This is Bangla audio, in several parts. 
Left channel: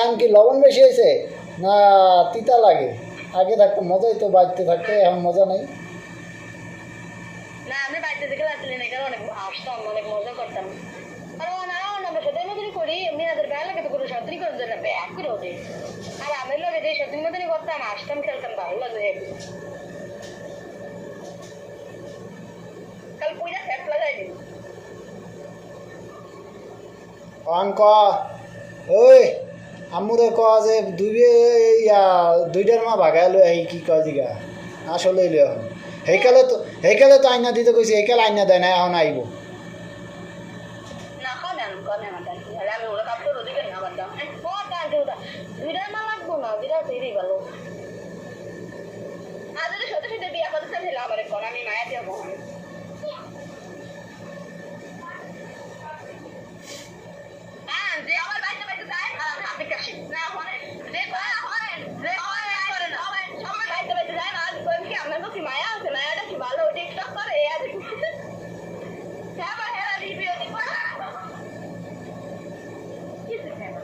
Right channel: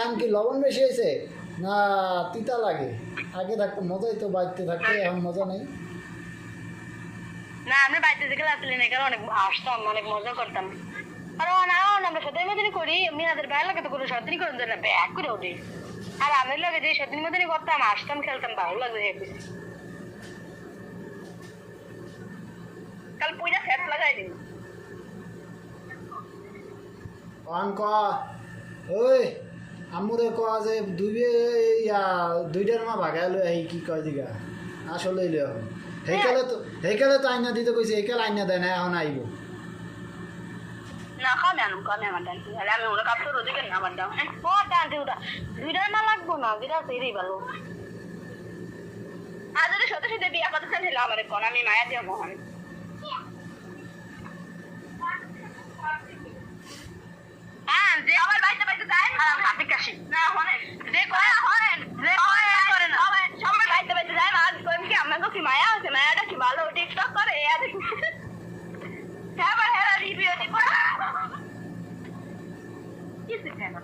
এখন কি লবণ বেশি হয়েছে না তিতা লাগে? আগে থাকতো মজাই তো, বাড়িতে থাকতে এখন মজা নেই। না আমি বাড়িতে থেকে রাত্রে নেই অনেক আসতাম, অনেক মজা করতাম। আর আমরা সত্যি মতনই করি, মিনাদের বাইরে লাগে তো কোনো সত্যি করেন না, ব্যাগ করে ওঠে। আর আমার লাগে যে সত্যি মতনই করতাম, আসতাম, খেলতাম, ভালো লাগে। কাল পূজা শেষ লাগাইনি ক ওই আমুরে ক যে দুইটার মা ভাগাই লই আহি কি কয় জিগা আসলে লই এখন সেইকালে তো আইনা দিতে কইছি, সেইকালে আইনা দেয় না, এখন আইব। না খাও না কানে মাথা আমি ওরা কাপড় ওদিকে না বাঁধাম দুইটার না লাগবো না, বিরাট এরই ভালো। আর যদি সত্যি সত্যি বিয়ে করতে চাইছিলাম আমার কোন আমি মায়া দিয়ে মহান যে আমার বাড়িতে বাড়িতে যায় হাতে কাশি না হরে যে পায়া হরেন যে করেন সবার বাড়িতে বাড়িতে যায় আর কি আমার তো কি মায়া আছে, মায়াটা কি ভালো টিকটক করে এই আছে হ্যাঁ রিভিউ দিব কিছু কেন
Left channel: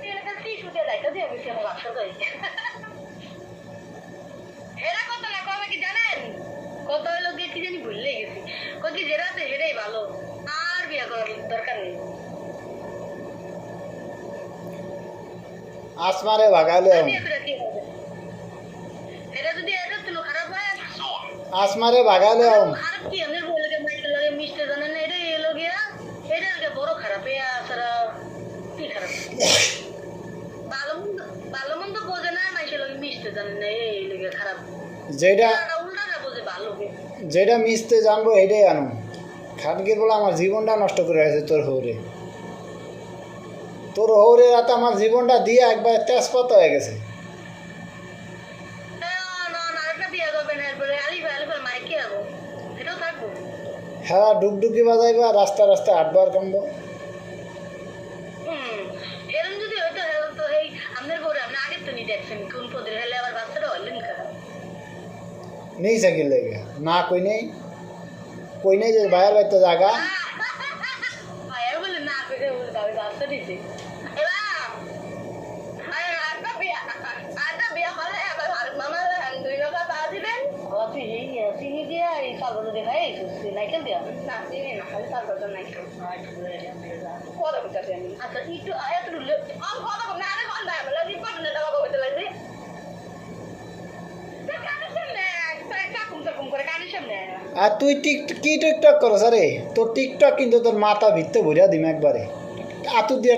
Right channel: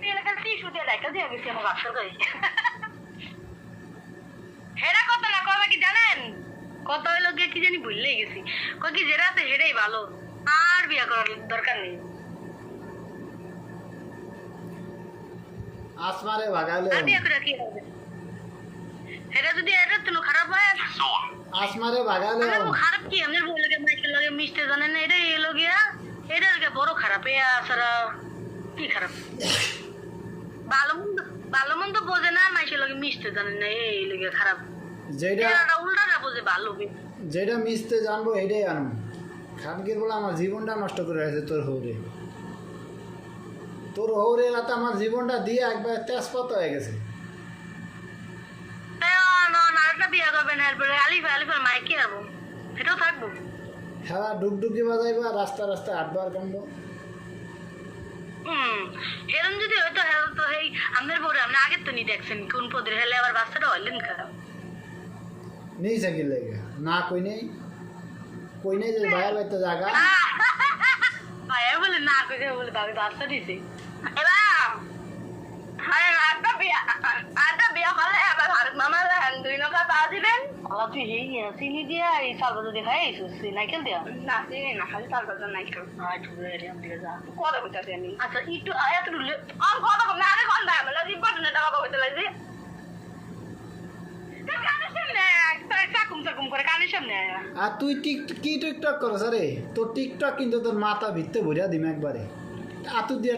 তিন কাছে শুতে দেখা দিয়ে গেছে আমার বাসা করে এরা কত না কবে কি জানেন, কত হলো গিয়ে কি জানি ভুললে গেছি, কই কি যেটা আছে সেটাই ভালো, আর বিয়ে করার দরকার নেই। আসমারে ভাগাইলে এটা যদি এটা তুলো খারাপ হয় আসমারে ভাগাইলে খারাপ কি আমি বলে লাগে মিশতে জানে না, এটা এলো গিয়া এটা বড় খারাপ এ আসরা কি খারাপ ভালো মন্দ বোঝে না, মাইসের লগে মিশতে জানে না, এই লগে খারাপ। যেটা উল্টাটা বোঝে ভালো, যেটা মিশতে জানবো এটাই আনুন। খানকির বলে আমার জীবনটা নষ্ট করে আছে তোর হৌরে রাতে আমার জীবনটা দিয়ে একবার তেজপাত হয়ে গেছে। হ্যাঁ ডুকডুকি বাজাইবা, রাস্তা রাস্তায় আটবার কামবো। নেই সাইকেল লেগে না কই নেই যে বাইরে বাইতে জায়গা বলে না কই বলে ভাবি বাচ্চা দিতে চিনি দিয়া এই চালটা যদি খাই নাইকেল দিয়া না চিনি না খালি চালটা নাইকেল আচ্ছা একটু আর তুই কি টিকটক করো আরে তোর টিকটক কিন্তু তোর মাথা ভিত্তে ভরিয়া দিম একবারে আতু দিয়ে